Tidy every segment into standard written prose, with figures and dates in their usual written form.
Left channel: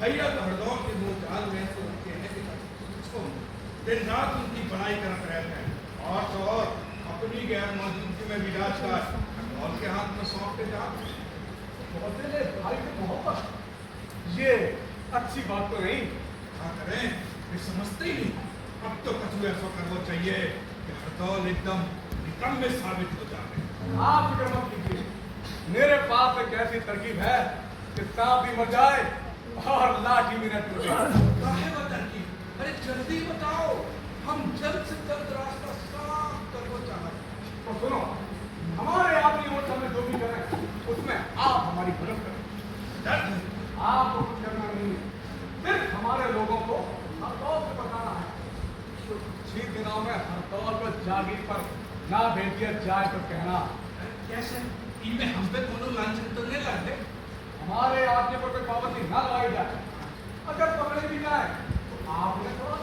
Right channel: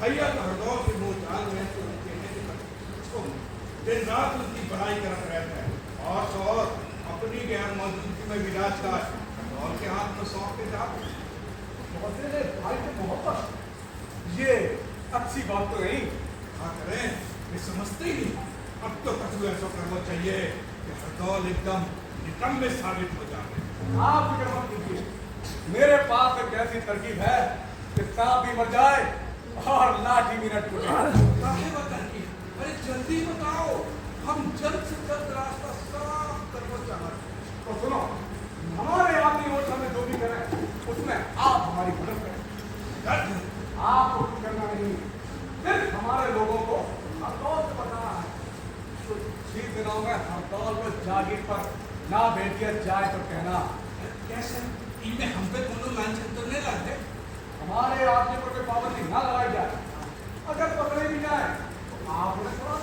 भैया तो हरदौल के बोलचाल में तो उनके हैं कि दिन रात उनकी पढ़ाई करते रहते हैं और तो और अपनी गैर मौजूदगी में विराज का हरदौल के हाथ में सौंप के जाते भाई से मोहब्बत ये अच्छी बात तो नहीं। क्या करें वे समझते ही अब तो कछु ऐसा करना चाहिए कि हरदौल एकदम निकम्मे साबित हो जाए। आप फिक्र मत कीजिए, मेरे पास एक ऐसी तरकीब है कि सांप भी मर जाए और लाठी भी न टूटे। अरे जल्दी बताओ, हम जल्द से जल्द रास्ता साफ करना चाहते हैं। तो सुनो, हमारे आदमी वोट हमें जो भी करें उसमें आप हमारी मदद करें। आपको कुछ करना नहीं, सिर्फ हमारे लोगों को हड़ताल से बचाना है। कुछ ही दिनों में हड़ताल को जागीर पर ना भेज दिया जाए तो कहना। कैसे इनमें हम पे दोनों लांछन तो नहीं लगते? हमारे आदमी पर कोई पाबंदी ना लगाई जाए, अगर पकड़े भी जाए तो आपने कहा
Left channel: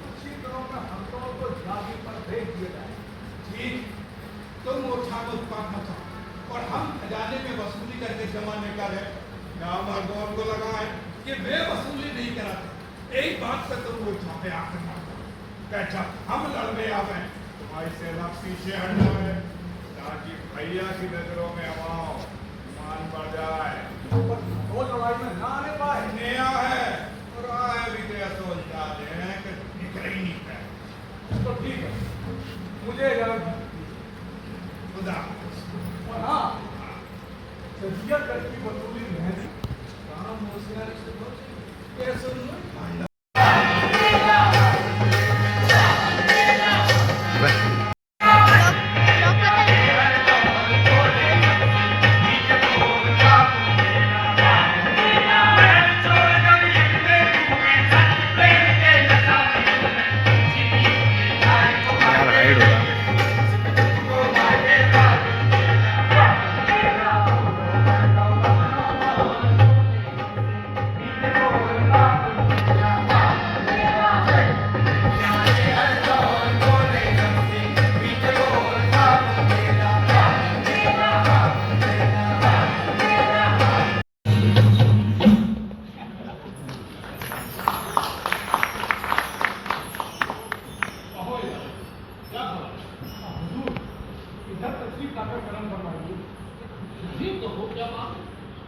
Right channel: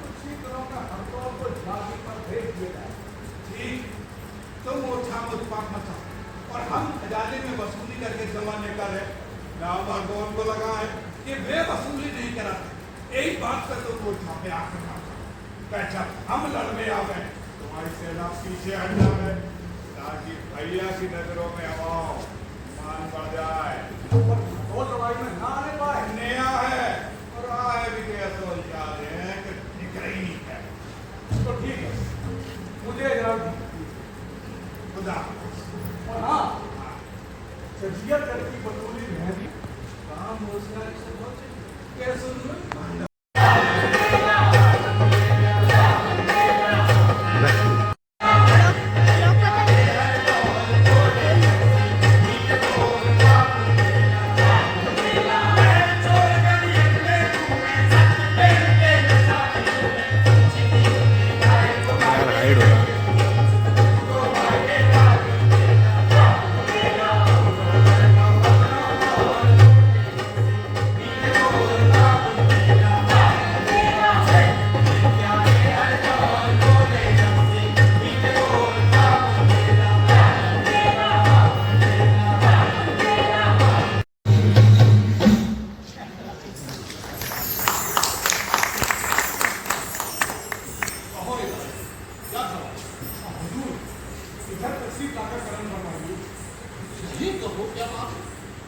कुछ ही दिनों में हड़ताल को जागीर पर भेज दिया जाए। ठीक, तुम मोर्चा में उत्पात मचाओ और हम खजाने में वसूली करके जमा नहीं कर रहे। नाम हरदौल को लगा है कि वे वसूली नहीं कराते। एक बात से तो मोर्चा पे आकर मारता क्या हम लड़ने आवे तुम्हारी सेना पीछे हट जाए ताकि भैया की नजरों में हमाओ मान बढ़ जाए। पर दो लड़ाई में ना आने पाए। नया है और आए भी क्या सोच जा रहे हैं कि निकल ही नहीं है। तो ठीक है, मुझे खुदा और हाँ, जजिया कर की वसूली मेहंदी काम हौसला कैसे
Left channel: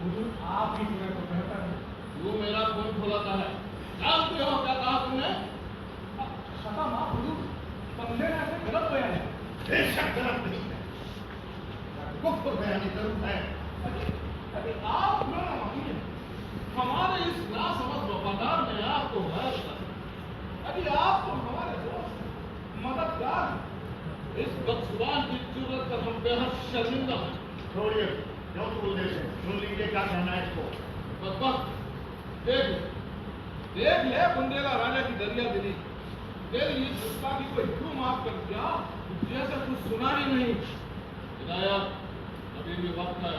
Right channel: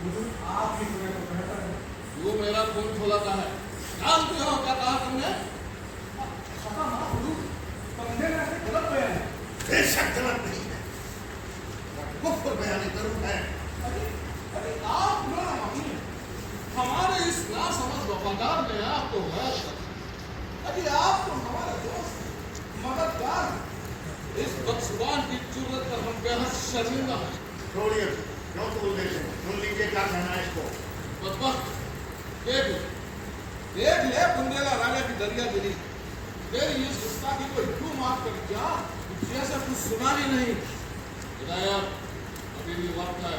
आप ही सुने तो बेहतर है। तू मेरा खून खोलाता है, जानते हो क्या कहा तुमने? खत्म आप हुजूर, बंदे ने ऐसे गलत बयान है। बेशक गलत नहीं है, कुफ्र बयानी जरूर है। अरे आप मेरा मानिए, हमारे इस नासमझ वफादार ने आपको गैर कर दिया। अरे आप तो हमारे दोस्त हैं, मददगार हैं। इस बदजुबान की जुर्रत पर हम बेहद शर्मिंदा हैं। छोड़िए, क्यों बोल देते हैं? सुन लीजिए क्या कहना है इसको। बदबख्त, देख ले बुंदेला राजा की दरिया दिली। तेरी इस गुस्ताखी को यूं माफ कर दिया जैसे कुछ सुना ही नहीं। हिदायत, अभी भी वक्त है,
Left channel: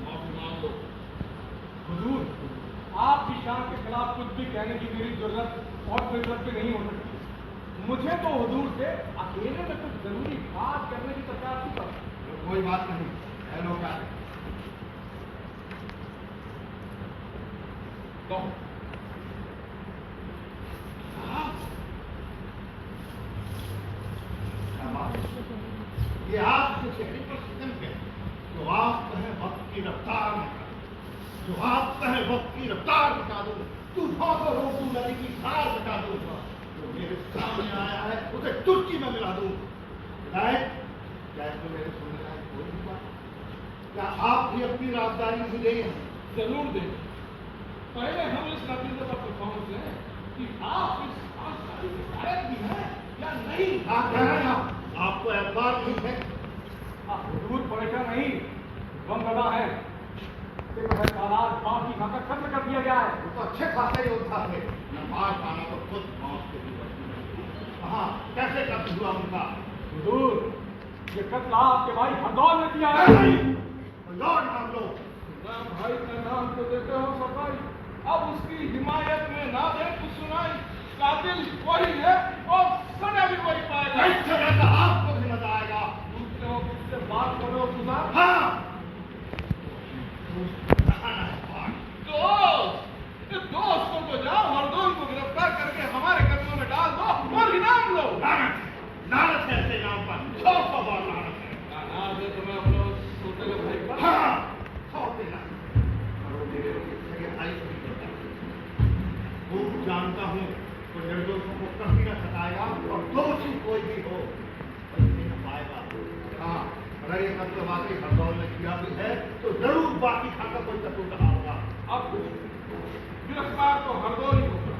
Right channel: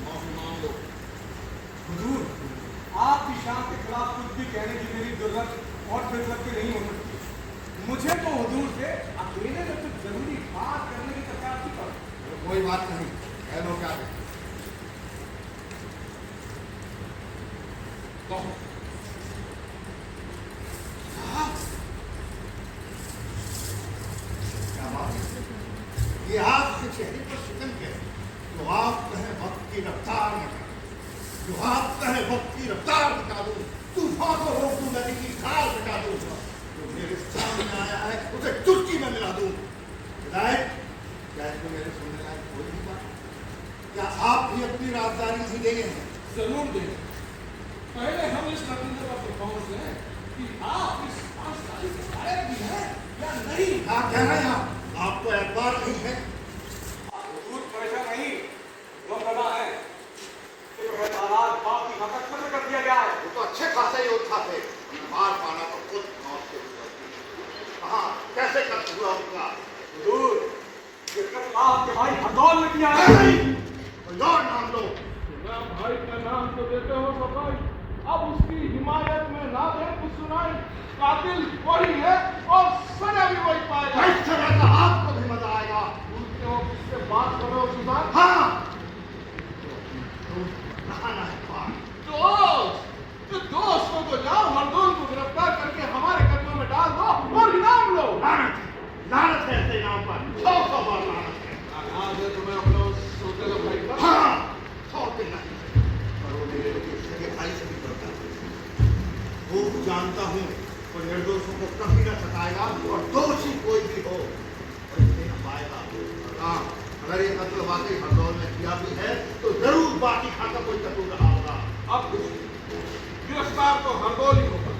माफी मांग लो। हुजूर, आपकी शान के खिलाफ कुछ भी कहने की मेरी जरूरत और फितरत भी नहीं हो सकती। मुझे तो हुजूर से अकेले में कुछ जरूरी बात करने की सरकार थी पर कोई बात नहीं, कह लो क्या है। कहो। क्या बात है? ये आपके चेहरे पर शिकन क्या है? जो आप कहें वक्त की रफ्तार में जो आप कहें वक्त की रफ्तार मिटा दूं, तूफान को रोक दूं, नदी की धार मिटा दूं, जो मेरे सामने आया है उसे चुटकी में मिला दूं। हिदायत, क्या इसमें मेरे सुनने लायक कोई भी बात? क्या आप भी अपनी राजदारी नहीं देंगे हैं? जरूर दें। पहले हम इस नतीजे पर पहुंच लें कि आप इस राजदारी के लायक भी हैं या नहीं। आप कह रहे हैं आपको एतबार नहीं है? हुजूर परेशान नहीं, गम लगा है कि जो है तालाब बाप की खाकर खत्म कर दिया गया है। वो तो अच्छे खासे योद्धा थे, उन्हें मार पाना तो खुद मौत के लिए। कहाँ कैसे कत्ल हुआ उनका? हुजूर, ये कत्ल आपके भाई हरदौल ने किया है। कोई और नाम लो। ना भाई का नाम तो देते हो सफाई, अब उसकी हिमायत में ना दे कुछ सुनाई। कातिल वही है और सजा भी वही पाएगा। इस जगह का आपको भी मजा आएगा। पूछते हो किससे बात कर रहे हो सुधार? हाँ, नहाना है पार। दोस्त, दोस्तों को जाओ, हरदौल को गिरफ्तार करके हमारे कदमों में डाल दो और इनाम लो। लानत है ऐसे नाम पर, 100 बार लानत है। याद है तुम्हें अपने उस सोतेले भाई का? हाँ, 100 दिन नहीं, और वो मेरे सगे भाई से भी करता है। खूब जानता हूँ वो निर्दोषों को कभी न सताएगा और दोषी कोई भी हो और इसे न पाएगा। हाँ, अगर ये कत्ल वाकई हरदौल ने किया भी है तो जरूर बाकी खाकर कोई कसूर रहा होगा। अब कुछ गिरफ्तार तो हरदौल ही होगा।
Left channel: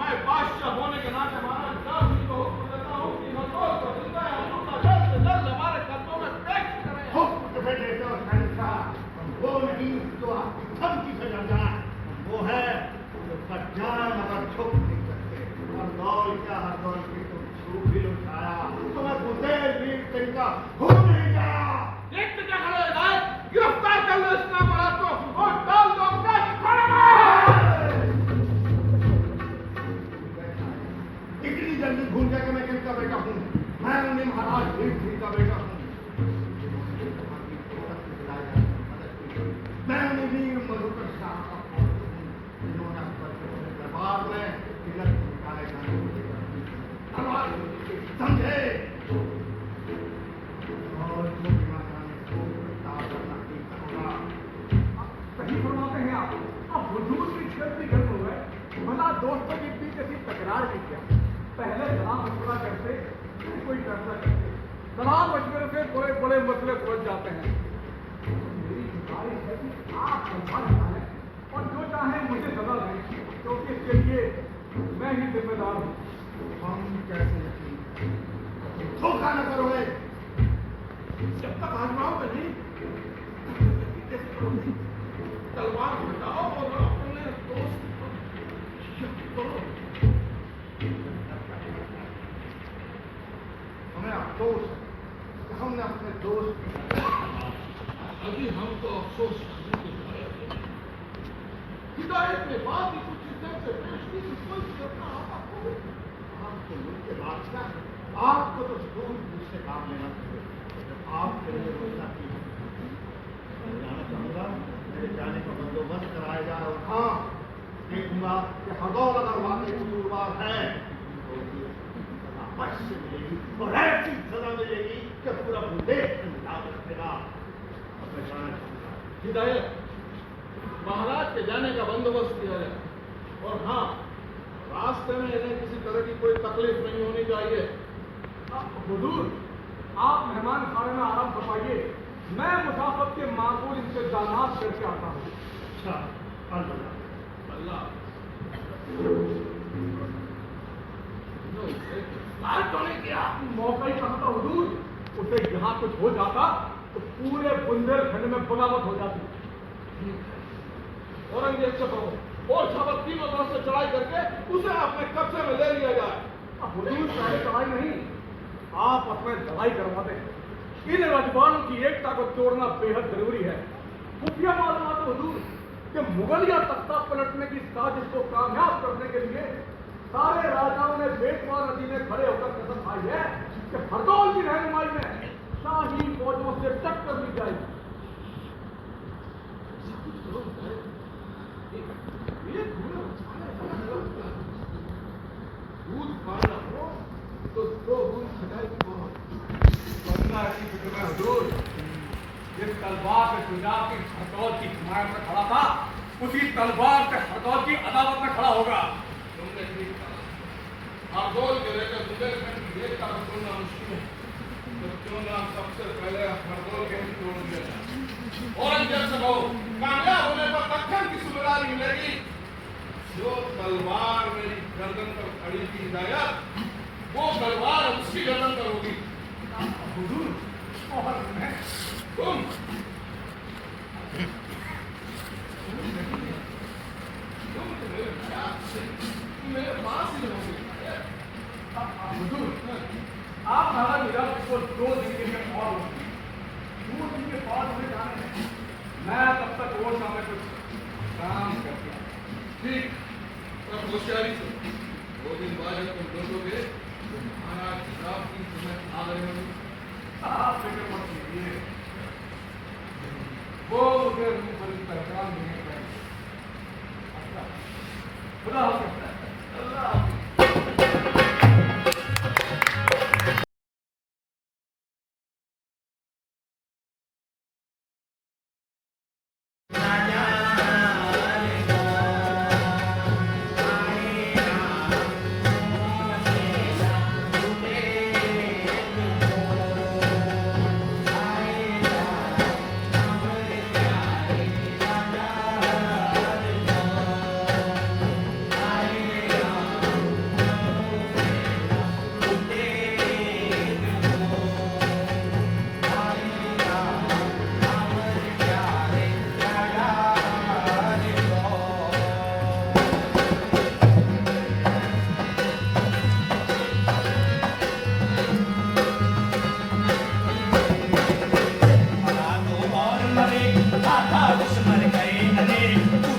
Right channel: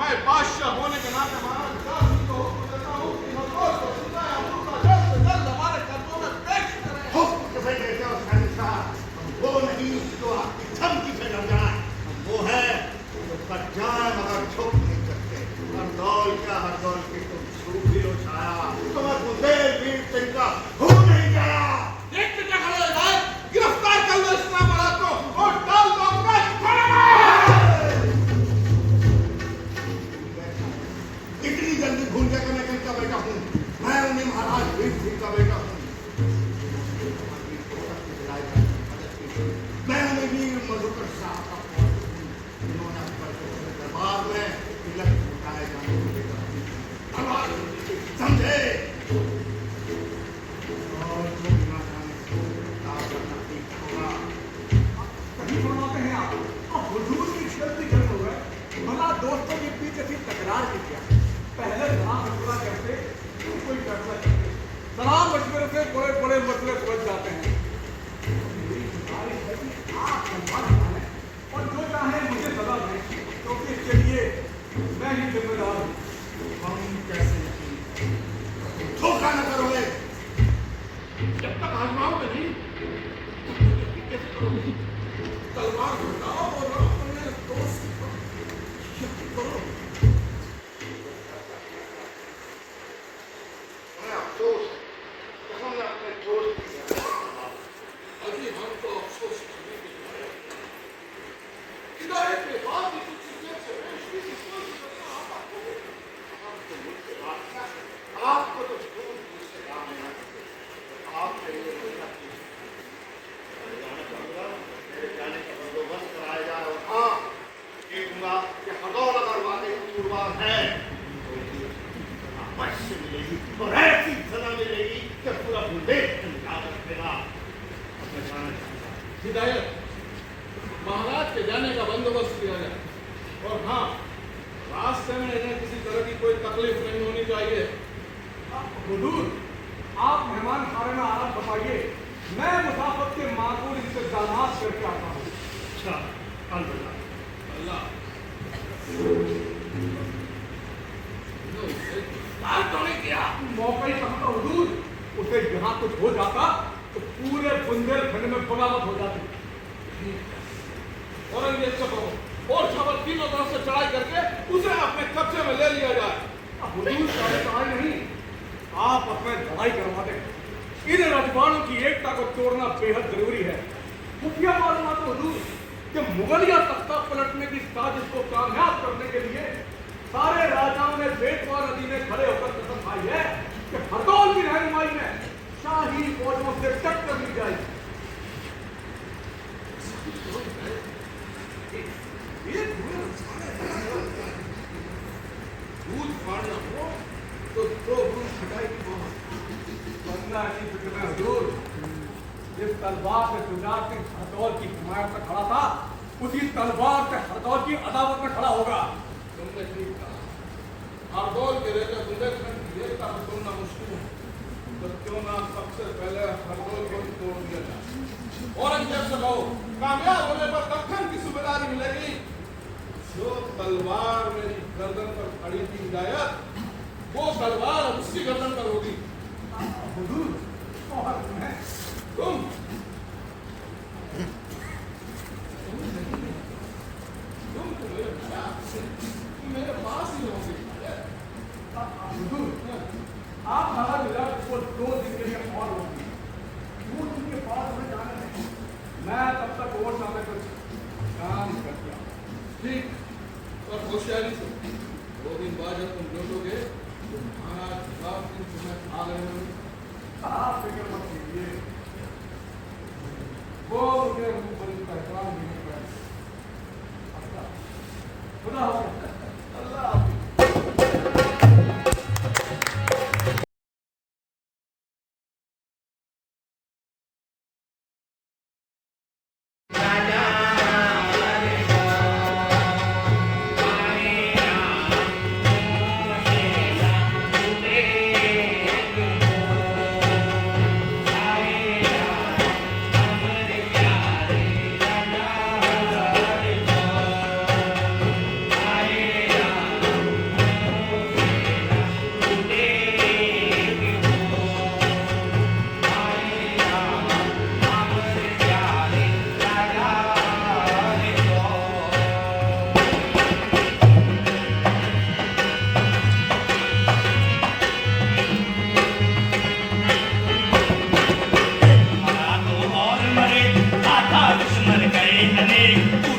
मैं बादशाह होने के नाते महाराज जासूस को हुक्म देता हूँ कि हरदौल को सजा या मुर्दा जल्द से जल्द हमारे कदमों में पेश करें। हुक्म किसे देते हो शहंशाह? वो नहीं जो आपकी धमकी से डर जाए, वो है जो पर जाए मगर छुप नहीं सकते। हरदौल क्या हरदौल की तुम छू भी लो छाया, तुम्हें बुंदेल वीर सिंह का हो नहीं गया। देखते क्या खड़े हो भाई? गिरफ्तार कर लो इस नामराद को और डाल दो अपने खाने में। इतनी जल्दी भूल गया कि मैं किसका बेटा हूँ? मैं उन्हें महाराज वीर सिंह का बेटा हूँ। मैं उन्हें वीर मधुकर शाह का पुत्र हूँ, जिन्होंने अपने दरबार में तिलक झुकाए जाने को लेकर समझे। और जो बिना जाने को ताब करना ठीक होगा। सही फरमाते हैं आप। अब हुजूर की गलती कर हो गए, भला दोस्तों के बीच ऐसी तकरार की क्या? पहले सलाम मशवरा करते, फिर कोई फैसला करते। सलाम मशवरे से बड़े बड़े मसले सुलझ जाते हैं। मेरी गुजारिश है कि आप संभाल जाएं और जो चाहे मुझे सजा दें, क्योंकि इसके लिए मैं ही जिम्मेदार हूँ। हम कैसे यकीन करें? धोखा न करोगे। जब तक आजमाओगे नहीं कैसे करोगे? तलवार उठाओ और अपने दोस्त करो। हमें अफसोस है कि हमने अपने दोस्त की अभी हम तो अफसोस करने के लायक नहीं। हिदायत के बाद ही कुछ इज्जत से पेश की कोई करना आता हो। हम तो मुझसे बादशाह हैं। आपको तो दूर मुझसे काम लेना चाहिए। आप मेरे मसला की मैं जाना चाहूँगा, मेरे जाने का बंदोबस्त कराया जाए। और हाँ, देखूंगा कि हरदौल अगर वाकई कसूरवार है तो अवश्य मिलेगी और ऐसी सजा मिलेगी कि पूरा बुंदेल याद रखेगा। अपने जाना चाहूँगा। हिदायत, महाराज के जाने का बंदोबस्त किया जाए। और हाँ, रास्ते में इन्हें किसी तरह की कोई तकलीफ नहीं होनी चाहिए। हुजूर, आप मेहमान खाने में आराम फरमाइए, मैं मुसाफिर के माकूल इंतजामात करके आता हूँ। अच्छा, अल्लाह बात तो नहीं किया, मौका ही कहा था हुजूर। उसे यहाँ कुछ हो जाता तो पूरे बुंदेलखंड में बगावत हो जाती। औरंगजेब से कहो और शावत तीनों तरफ से चढ़ाई करके उसे अपने कब्जे में ले लिया जाए। अब हुजूर चढ़ाई नहीं, आप अपने लड़ाई करवा दें। इन रजवाड़ों की एकता को तोड़ना बेहद जरूरी है। खुफिया मालूमात हुजूर कि मुगलिया तख्ता पलटने की साजिश को कामयाब करने के लिए सारे राजाओं ने बेटवा नदी में खड़े होकर कसम खाई है कि हरदौल की रहनुमाई में शाही फौजों से टक्कर ली जाएगी। दूध फाड़ना हो तो दो बूंद खटाई की मारो। वरना की फिक्र में हुजूर, जिस तलवार पे जुनाब की हरदौल की हिमायत में खड़ा था, उसी तलवार से हरदौल की अदावत में खड़ा होगा। तुमने ठीक कहा। हरदौल के रहते बुंदेलखंड की एकता को तोड़ना मुश्किल है, तो क्यों ना सबसे पहले हरदौल को ही तोड़ दिया जाए। औरंगजेब से कहो कामयाब होने पर दक्कन की सूबेदारी मिलेगी। जो तलवार मेरी गर्दन पर खड़ी थी हिदायत, वो तलवार अब उसकी गर्दन पर होगी। हुजूर, और मैं तुम तो मेरे प्यार से मेरे पास ही रहोगे। हुजूर, आप नाराज हो जाओ, इसको 2 दिन के लिए और रोक 2 दिन के बाद हमें जाने दें। मैं तब तक और में कुछ काम करके आता हूं। ठीक, पर होशियारी से 2 दिन बाद जब तुम लौटोगे तो महाराज किताब की तुम्हें आ रहे होंगे। आप फिक्र मत कीजिए, वो मुझे रूप बड़ी पहचान नहीं पाएगी। अच्छा, खुदा हाफिज़। अल्लाह हाफिज़।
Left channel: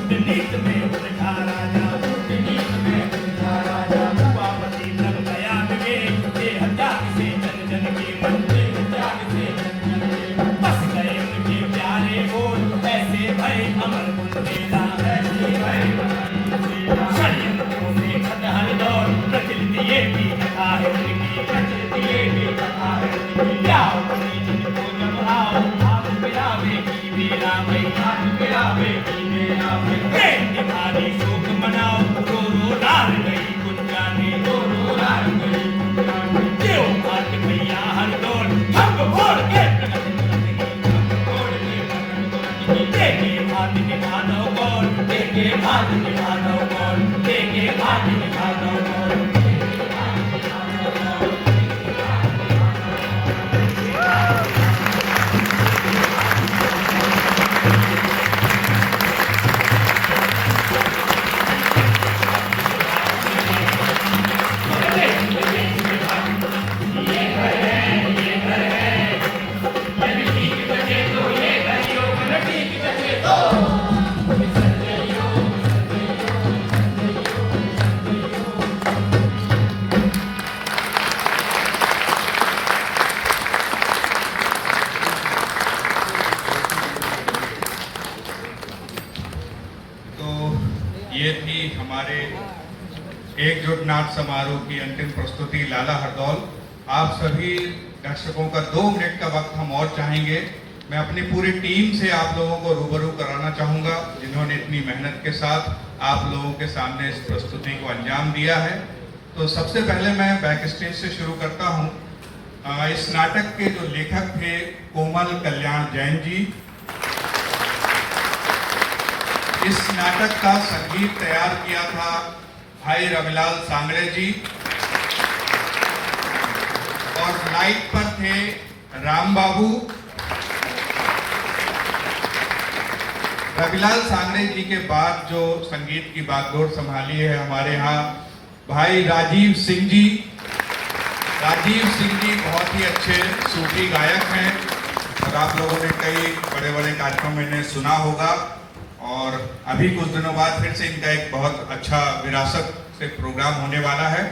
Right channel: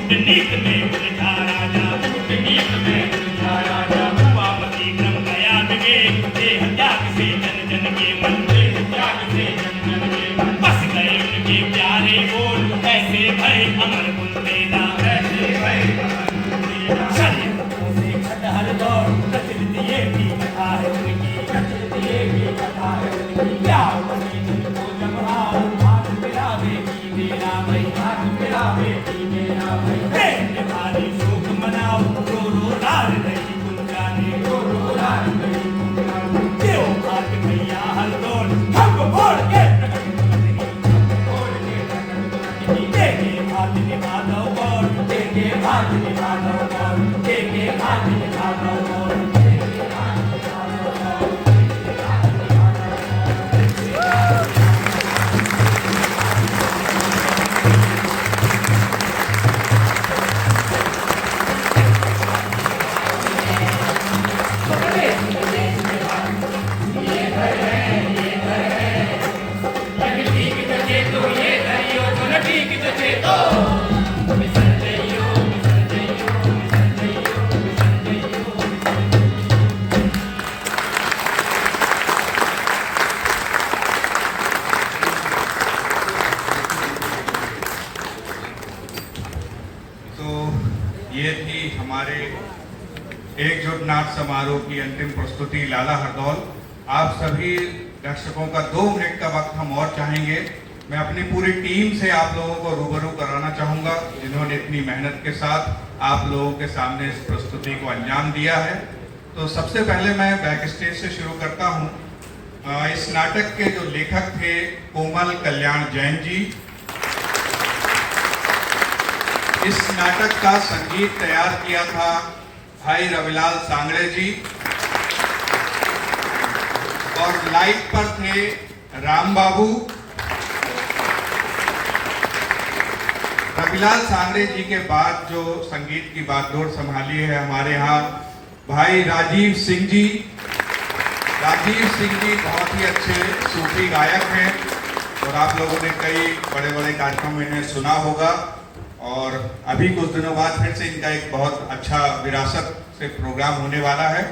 कूटनीत में उलझा राजा हुआ पति क्रम गया बिगे देह त्याग से जन जन के मन बस गए उनके प्यारे बोल ऐसे भय अमर बुंदेला शरीरों से खटहल दौड़ प्रचलित ये भी कथा है उनकी जाओ को जब आओ हाथ मिलावे की मेरा भाई हाथ मिलावे की मेरा भाई प्रेम के भारी शोक मनाओ रो रो रार गई गुंजाने रो रो रार गई गुंजाने क्यों भाग भैया हर दौड़ हम बोल के देखे भाग निभा दो बोल देखे भाग निभा दो बोल देखे भाग निभा दो बोल ये थी हमारे एकजुट नाथ समारोह की अंतिम प्रस्तुति लाला हरदौल। आप सभी दर्शकों का 2 मिनट का वक्त हम और चाहेंगे मैं अपनी पूरी टीम से आप लोगों को रूबरू कराना चाहूँगा, जिन्होंने इतनी मेहनत के साथ आप लोगों के सामने इस प्रस्तुति को अंजाम दिया है। तो सबसे पहले मैं बैक स्टेज से शुरू करता हूँ। इस नाटक के जो लेखक थे कोमल कल्याण जैन जी। इस नाटक का संगीत तैयार किया था भाई रविलाल सांगड़े जी, और लाइट पर थे राम बाबू। रविलाल सांगड़े जी के बाद जो संगीत की बागडोर संभाली है हमारे यहाँ भाई राजीव सिंह जी। राजीव सिंह जी बहुत ही अच्छे सूफी गायक हैं और आप लोगों ने कई बड़े बड़े कार्यक्रम में इन्हें सुना होगा, और अभी कुछ दिनों बाद फिर से इनका एक बहुत अच्छा विरासत से प्रोग्राम होने वाला है।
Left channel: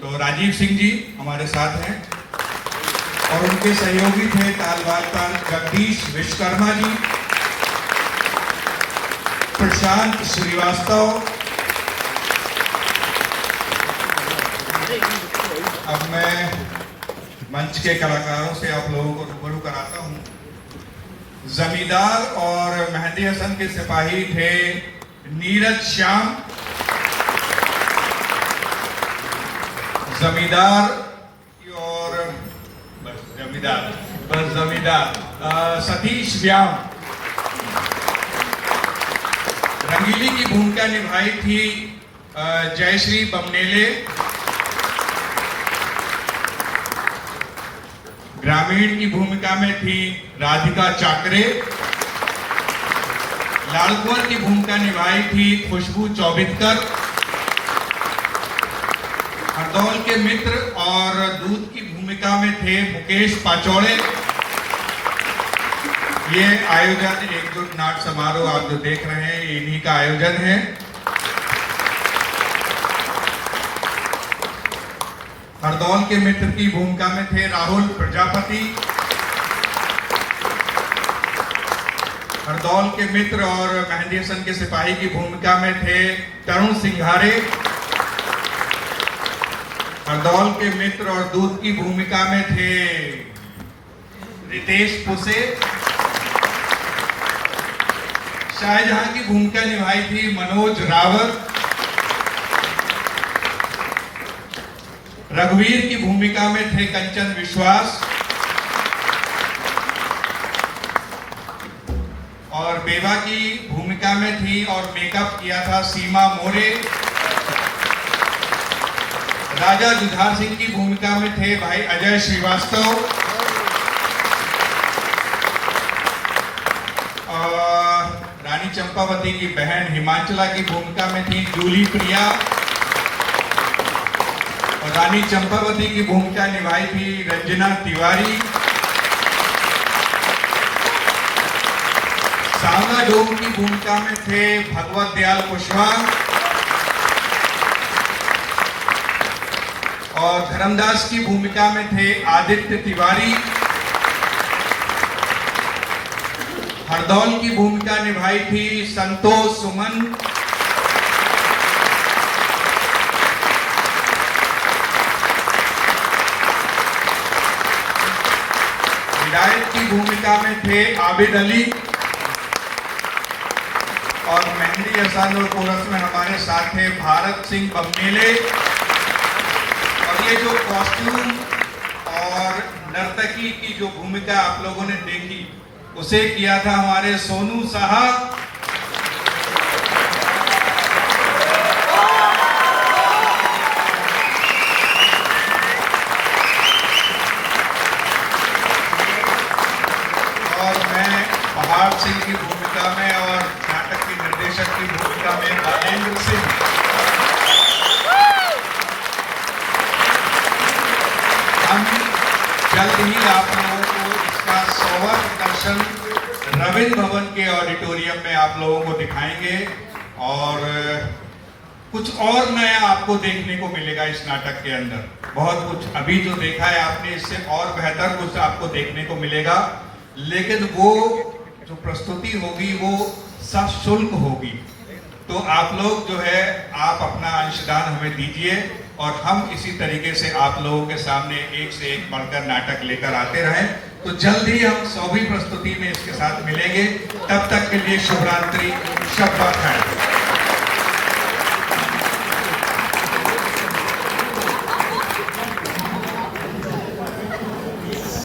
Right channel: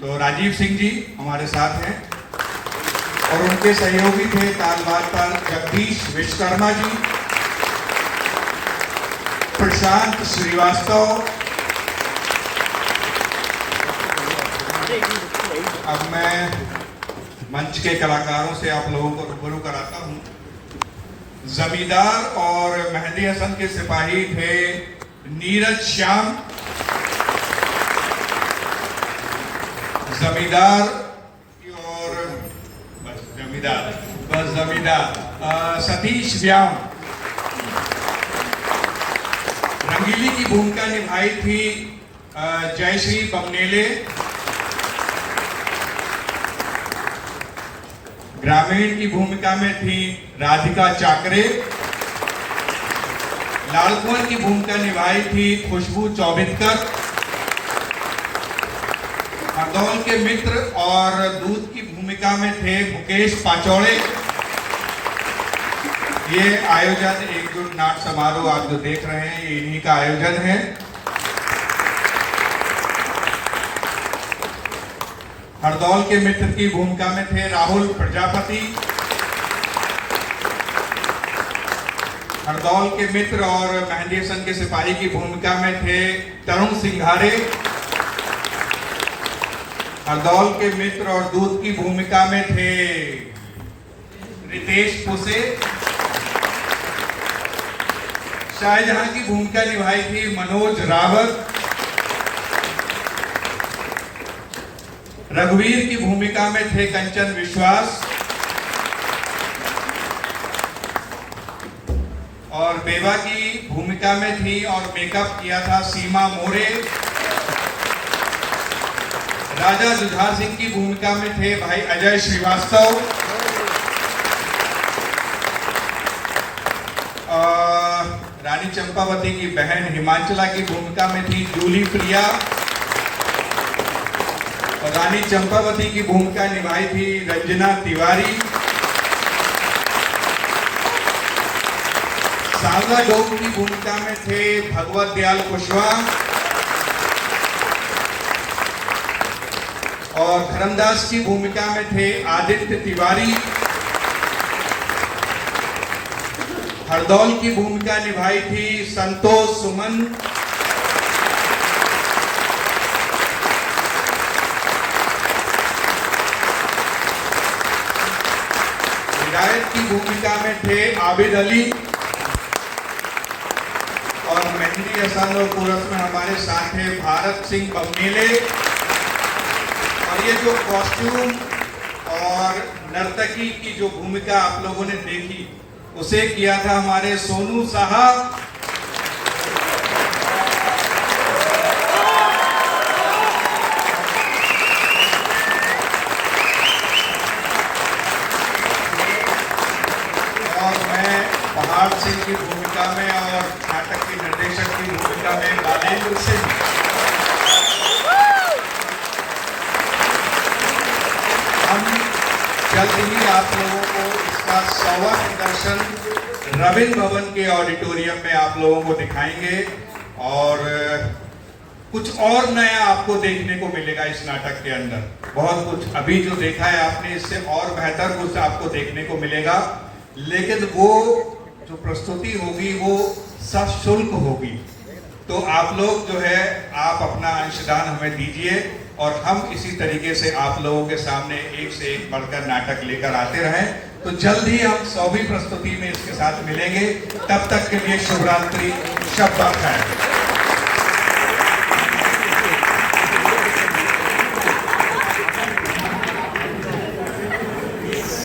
तो राजीव सिंह जी हमारे साथ हैं, और उनके सहयोगी थे तालवार पर जगदीश विश्वकर्मा जी, प्रशांत श्रीवास्तव। अब मैं मंच के कलाकारों से आप लोगों को रूबरू कराता हूं। जमींदार और मेहंदी हसन के सिपाही थे नीरज श्याम। जमींदार और जमींदार सतीश व्याम। रंगीली की भूमिका निभाई थी जयश्री बमनेले। ग्रामीण की भूमिका में थी राधिका चाकरे। लाड़कुंवर की भूमिका निभाई थी खुशबू चौबितकर। हरदौल के मित्र और दूत की भूमिका में थे मुकेश पाचौड़े। ये आयोजन एकजुट नाट्य समारोह आप जो देख रहे हैं ये इन्हीं का आयोजन है। हरदौल के मित्र की भूमिका में थे राहुल प्रजापति। हरदौल के मित्र और मेहंदी हसन के सिपाही की भूमिका में थे तरुण सिंघारे। हरदौल के मित्र और दूत की भूमिका में थे रितेश पुसे। शाहजहां की भूमिका निभाई थी मनोज रावत। रघुवीर की भूमिका में थे कंचन विश्वास, और बेवा की भूमिका में थी और मेकअप किया था सीमा मोरे। राजा जुझार सिंह की भूमिका में थे भाई अजय श्रीवास्तव। रानी चंपावती की बहन हिमांचला की भूमिका में थी जूली प्रिया, और रानी चंपावती की भूमिका निभाई थी रंजना तिवारी। सांवला डोम की भूमिका में थे भगवत दयाल कुशवाहा, और धर्मदास की भूमिका में थे आदित्य तिवारी। हरदौल की भूमिका निभाई थी संतोष सुमन। हिदायत की भूमिका में थे आबिद अली, और मेहंदी हसन और कोरस में हमारे साथ थे भारत सिंह बमनेले। और ये जो कॉस्ट्यूम और नर्तकी की जो भूमिका आप लोगों ने देखी उसे किया था हमारे सोनू साहब। और मैं पहाड़ सिंह की भूमिका में और नाटक के निर्देशक की भूमिका में बालेंद्र सिंह। हम जल्द ही आप लोगों को इसका 100वां प्रदर्शन रविंद्र भवन के ऑडिटोरियम में आप लोगों को दिखाएंगे, और कुछ और नया आपको देखने को मिलेगा इस नाटक के अंदर। बहुत कुछ अभी जो देखा है आपने, इससे और बेहतर कुछ आपको देखने को मिलेगा। लेकिन वो जो प्रस्तुति होगी वो सशुल्क होगी। तो आप लोग जो है आप अपना अंशदान हमें दीजिए और हम इसी तरीके से आप लोगों के सामने एक से एक बढ़कर नाटक लेकर आते रहें। तो जल्द ही हम 100वीं प्रस्तुति में इसके साथ मिलेंगे। तब तक के लिए शुभ रात्रि, शब्बा खैर।